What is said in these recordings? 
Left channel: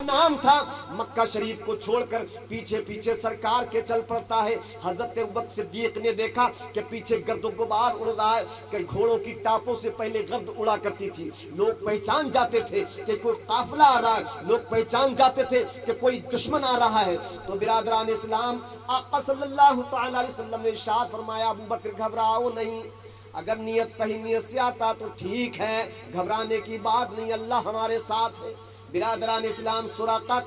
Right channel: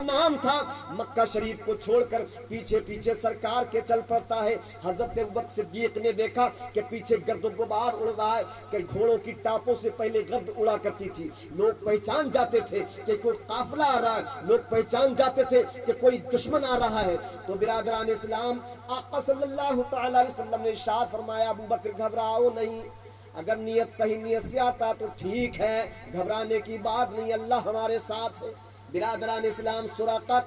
नाम था, मक्का शरीफ को छोड़कर पीछे पीछे सरकार के चल पड़ता है। हजरत अबू बकर सिद्दीक ने देखा कि पीछे गर्द गुबार उड़ रहा है, कि घोड़ों की टापों से पहले गर्द उड़ा करती थी। लोग पहचान जाते थे कि कोई काफिला आ रहा है, लोग पहचान जाते थे कि कोई दुश्मन आ रहा है। तो बिरादरान इस्लाम, आका सल्लल्लाहु अलैहि वसल्लम ने इरशाद फरमाया, अबू बकर घबराओ नहीं, अगर नियत सही नियत से आता तो ठीक है, घबराने की बात नहीं, अल्लाह हमारे साथ है। बिरादरान इस्लाम, सुराका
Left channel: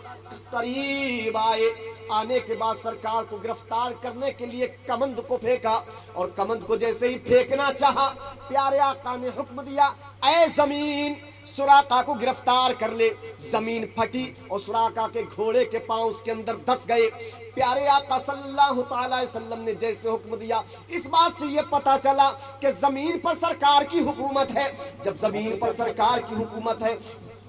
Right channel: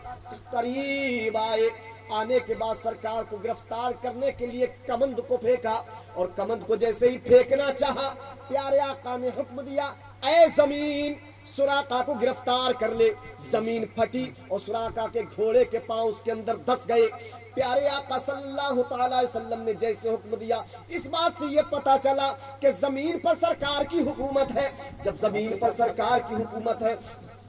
करीब आए, आने के बाद सरकार को गिरफ्तार करने के लिए कमंद को फेंका, और कमंद को जैसे ही फेंकना चाहा, प्यारे आका ने हुक्म दिया, ऐ जमीन सुराका को गिरफ्तार कर ले। जमीन फटी और सुराका के घोड़े के पांव उसके अंदर धस गए। प्यारे आका सल्लल्लाहु अलैहि वसल्लम ने जैसे हुक्म दिया, इस बात से ये पता चला कि जमीन पर सरकार की हुकूमत है। जब जमीन पर सरकार की हुकूमत है,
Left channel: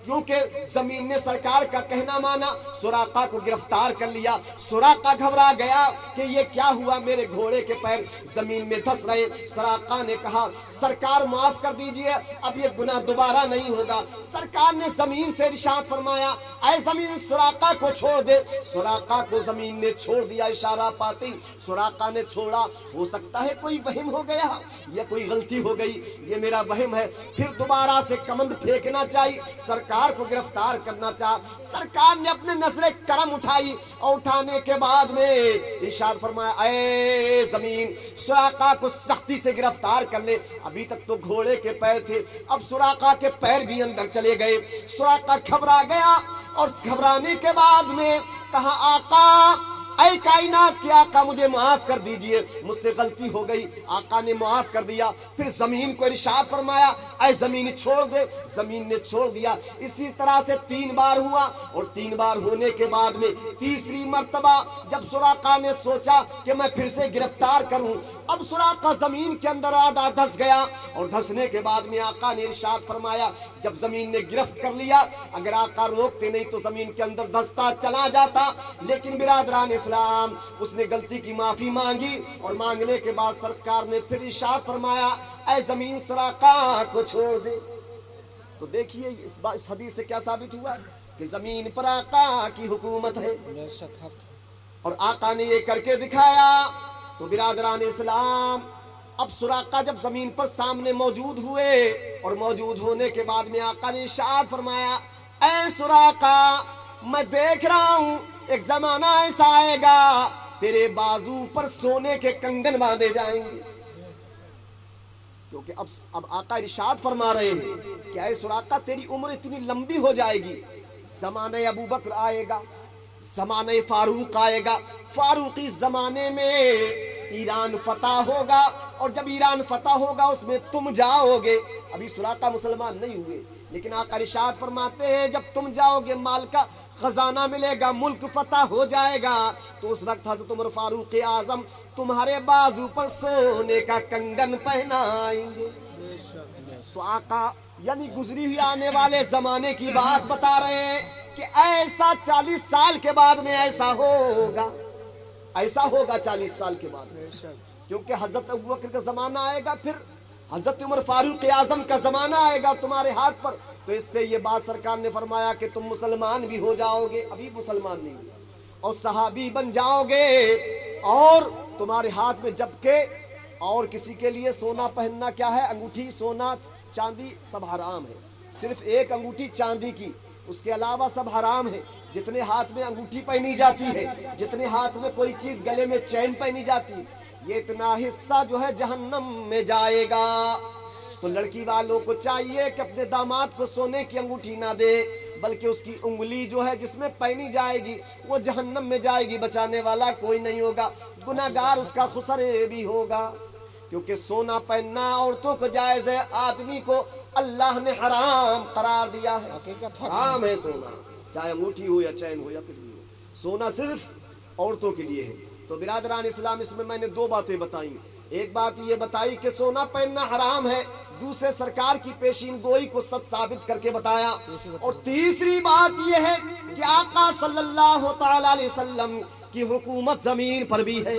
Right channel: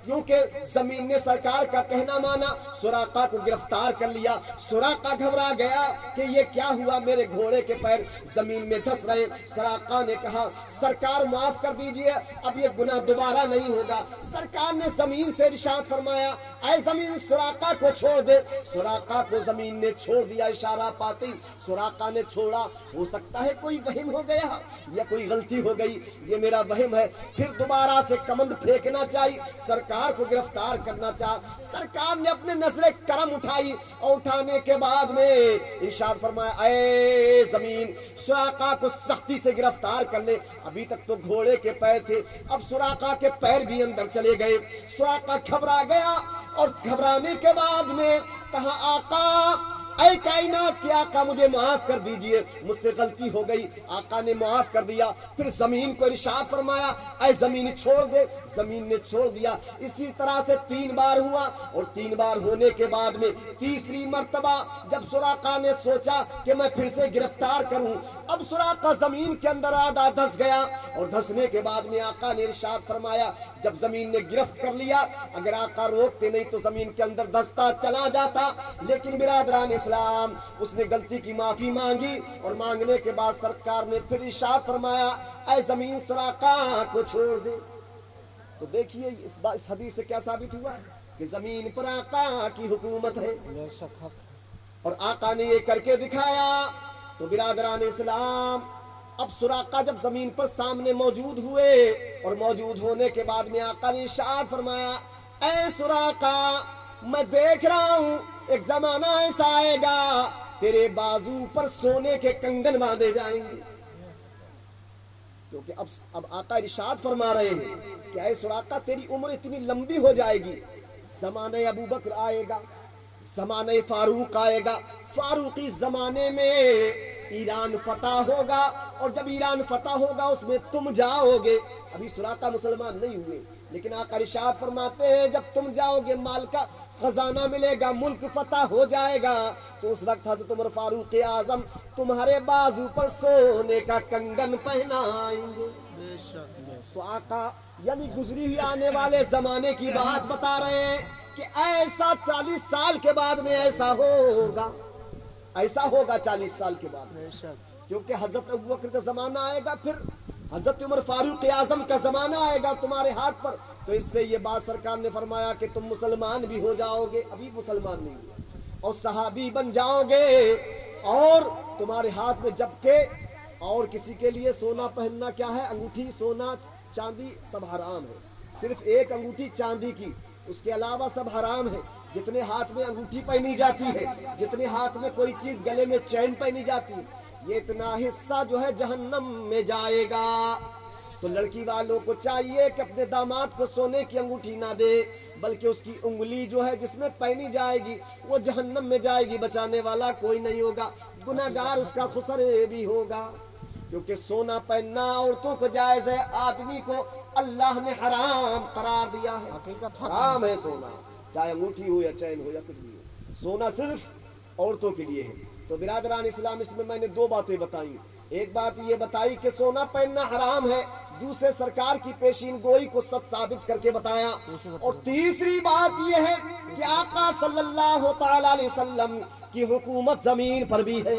क्योंकि जमीन ने सरकार का कहना माना, सुराका को गिरफ्तार कर लिया। सुराका घबरा गया कि ये क्या हुआ, मेरे घोड़े के पैर जमीन में धस रहे। सुराका ने कहा, सरकार माफ कर दीजिए, अब ये गुनाह दोबारा नहीं होगा। सरकार ने जमीन से इरशाद फरमाया, ऐ जमीन सुराका को छोड़ दे। सुराका को जमीन ने छोड़ दिया, इशारा पाती सुराका ने छोड़ा। हो सकता है कोई वहम हो गया या कोई गलती हो गई, ये मेरा वहम है। फिर दोबारा से कमंद फेंकना चाहिए, सरकार को गिरफ्तार करना चाहा। सरकार ने अपने नजरे करम उठाई, और उठाने के बाद में इरशाद फरमाया, ऐ जमीन सुराका को सख्ती से गिरफ्तार कर ले। अभी तक तो घोड़े के पैर थे, अब सुराका के पैर भी अंदर चले गए। सुराका घबरा गया, और घबराने के बाद में कहा, आका, ऐ कायनात के आका, मुझे माफ कर दीजिए, मुझसे गलती हो गई। आका ने माफ कर दिया। फिर जमीन को इरशाद फरमाया, ऐ जमीन छोड़ दे। जमीन ने छोड़ दिया। इसी तरह से 3 बार हुआ, और 3 बार होने के बाद में तीसरी मर्तबा जब सुराका ने सोचा कि मैं फिर से गिरफ्तार करूं, अब सुराका जमीन के अंदर आधा धस गया। और धसने के बाद में आका ने इरशाद फरमाया, जब जमीन ने गिरफ्त कर लिया, अगर आका रोकते नहीं तो जमीन के अंदर धसता चला जाता। लेकिन बिरादरान इस्लाम, उसने गलती की माफी मांगी, और मांगने के बाद सरकार ने फिर इरशाद फरमाया, ऐ जमीन सुराका को छोड़ दे। तो देखिए इस हदीस से क्या साबित हुआ कि जमीन पर आका की हुकूमत है, और आका ने ये करके दिखाया। तो बिरादरान इस्लाम, अब सुराका जब जमीन पर सामने मौजूद हुए, और मौजूद होने के बाद में आका ने इरशाद फरमाया, ऐ सुराका, मैं देख रहा हूं एक जमाना ऐसा आएगा, तेरे बाजू पर सोने के कंगन बांधे जाएंगे। क्योंकि अब आका इरशाद फरमा रहे हैं कि ऐ सुराका, तेरी उम्र इतनी लंबी हो जाएगी, जमाने अबू बकर आएगा, जमाने फारूक आएगा, फारूकी जमाने में ईरान फतह होगा, और जब ईरान फतह होगा उसमें तुम जाओगे। अभी सुराका मुसलमान नहीं हुए, लेकिन आका इरशाद फरमाते हैं, जब तुम जाओगे माल का खजाना मिलेगा, मुल्क फतह हो जाएगा, तो उस वक्त हज़रत उमर फारूक आजम तुम्हारे बाजू पर सोने का कंगन पहनाएंगे। तो आका यानी गुजरी हुई आने वाले जमाने की बात बता रहे हैं कि ऐसा 40 साल के बाद में ऐसा होगा, ऐसा होगा 40 साल के बाद में। क्योंकि हजरत अबू बकर का जमाना आएगा, फिर हजरत उमर फारूक आजम का जमाना आएगा तुम्हारे हाथ पर। तो इससे ये बात सरकार ने फरमाया कि तुम मुसलमान भी हो जाओगे, अभी मुसलमान नहीं हुए, और सहाबी बन जाओगे, और तुम्हारे हाथ में जबकि और किसी के लिए सोना पहनना क्या है, अंगूठी, सोना चांदी सब हराम है। सिर्फ एक अंगूठी चांदी की, उसके अलावा सब हराम है। जितने हाथ में अंगूठी पहनी जाती है, जितने हाथ में कोई चीज गले में चैन पहनी जाती है, ये इतना हिस्सा जो है जहन्नम में जाएगा। तो लड़की वालों को चाहिए कि अपने दामाद को सोने की अंगूठी ना दे, बल्कि उसकी उंगली जो है जिसमें पहनी जाएगी वो जहन्नम में जाएगी, बचाने वाला कोई नहीं होगा, गुनाहगार उसका खुसरे भी होगा। क्योंकि सोना पहनना औरतों को जायज है, आदमी को अल्लाह ने हराम करार दिया है। हराम है सोना, चाहे अंगूठी हो या चैन हो या कुछ भी हो, सोना सिर्फ औरतों के लिए है। तो बिरादरान इस्लाम, इसमें मैंने 2 बातें बताई। एक बात ये बताई कि सोना पहनना हराम है, दूसरे सरकार की पेशीन गोई को सच साबित करके बताया, और तीसरी बात ये है कि आका सल्लल्लाहु अलैहि वसल्लम की हुकूमत जमीन पर भी है।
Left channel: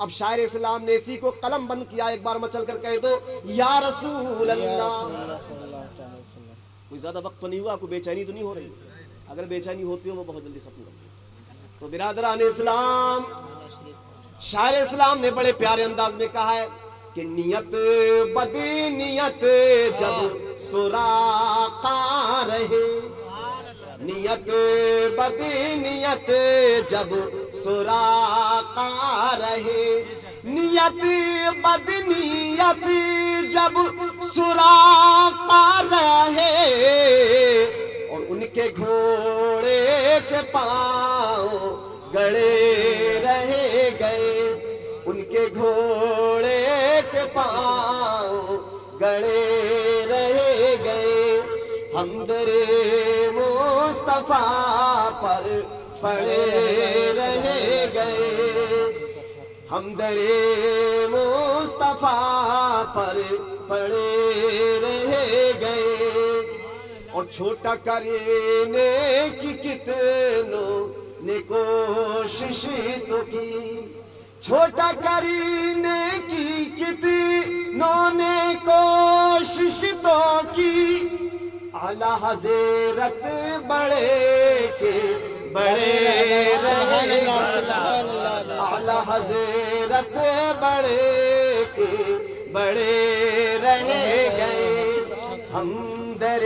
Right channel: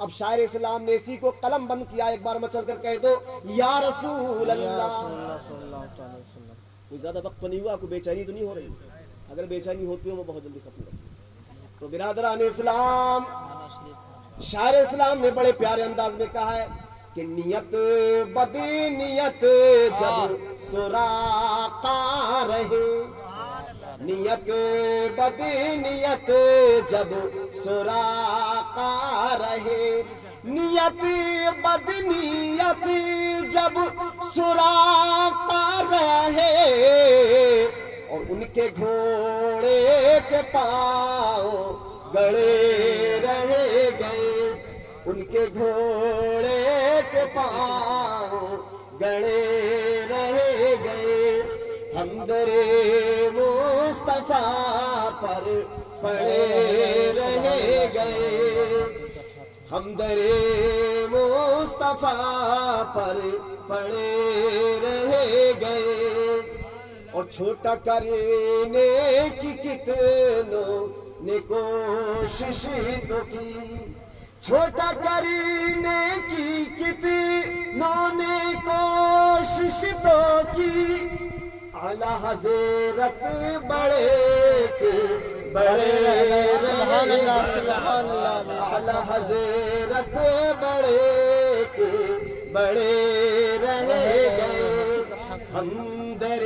अब शायर इस्लाम ने इसी को कलम बंद किया, एक बार मचल कर कह दो, या रसूल अल्लाह। कोई ज्यादा वक्त तो नहीं हुआ, कोई बेचैनी तो नहीं हो रही? اگر بے چینی ہوتی ہو وہ بہت جلدی ختم کرتی ہے۔ تو برادران اسلام، شاعر اسلام نے بڑے پیارے انداز میں کہا ہے کہ نیت بدی نیت جب سراقا رہے، نیت بدی نیت جب سراقا رہے، نیت بد نیت جب سراقا رہے، اور ان کے گھوڑے کے پاؤں گڑے رہ گئے، ان کے گھوڑے کے پاؤں گڑے رہ گئے، ہم در مصطفیٰ پر پڑے رہ گئے، ہم در مصطفیٰ پر پڑے رہ گئے، اور چھوٹا کرنے کی کتنوں نے کوشش تو کی، چھوٹا کرنے کی کتنوں نے کوشش تو کی، اعلیٰ حضرت بڑے کے بڑے رہے، اعلیٰ حضرت بڑے کے بڑے رہ گئے، ہم در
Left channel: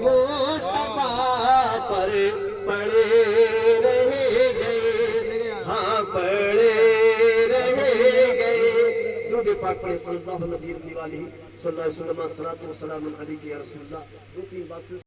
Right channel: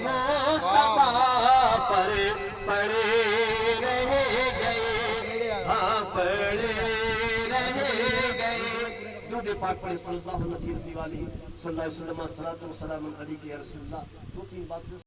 مصطفیٰ پر پڑے رہ گئے، ہاں پڑے رہ گئے۔ درود پاک پڑھے صلی اللہ علیہ وآلہ صلی اللہ علیہ وسلم، صلاۃ و سلام علیک یا رسول اللہ۔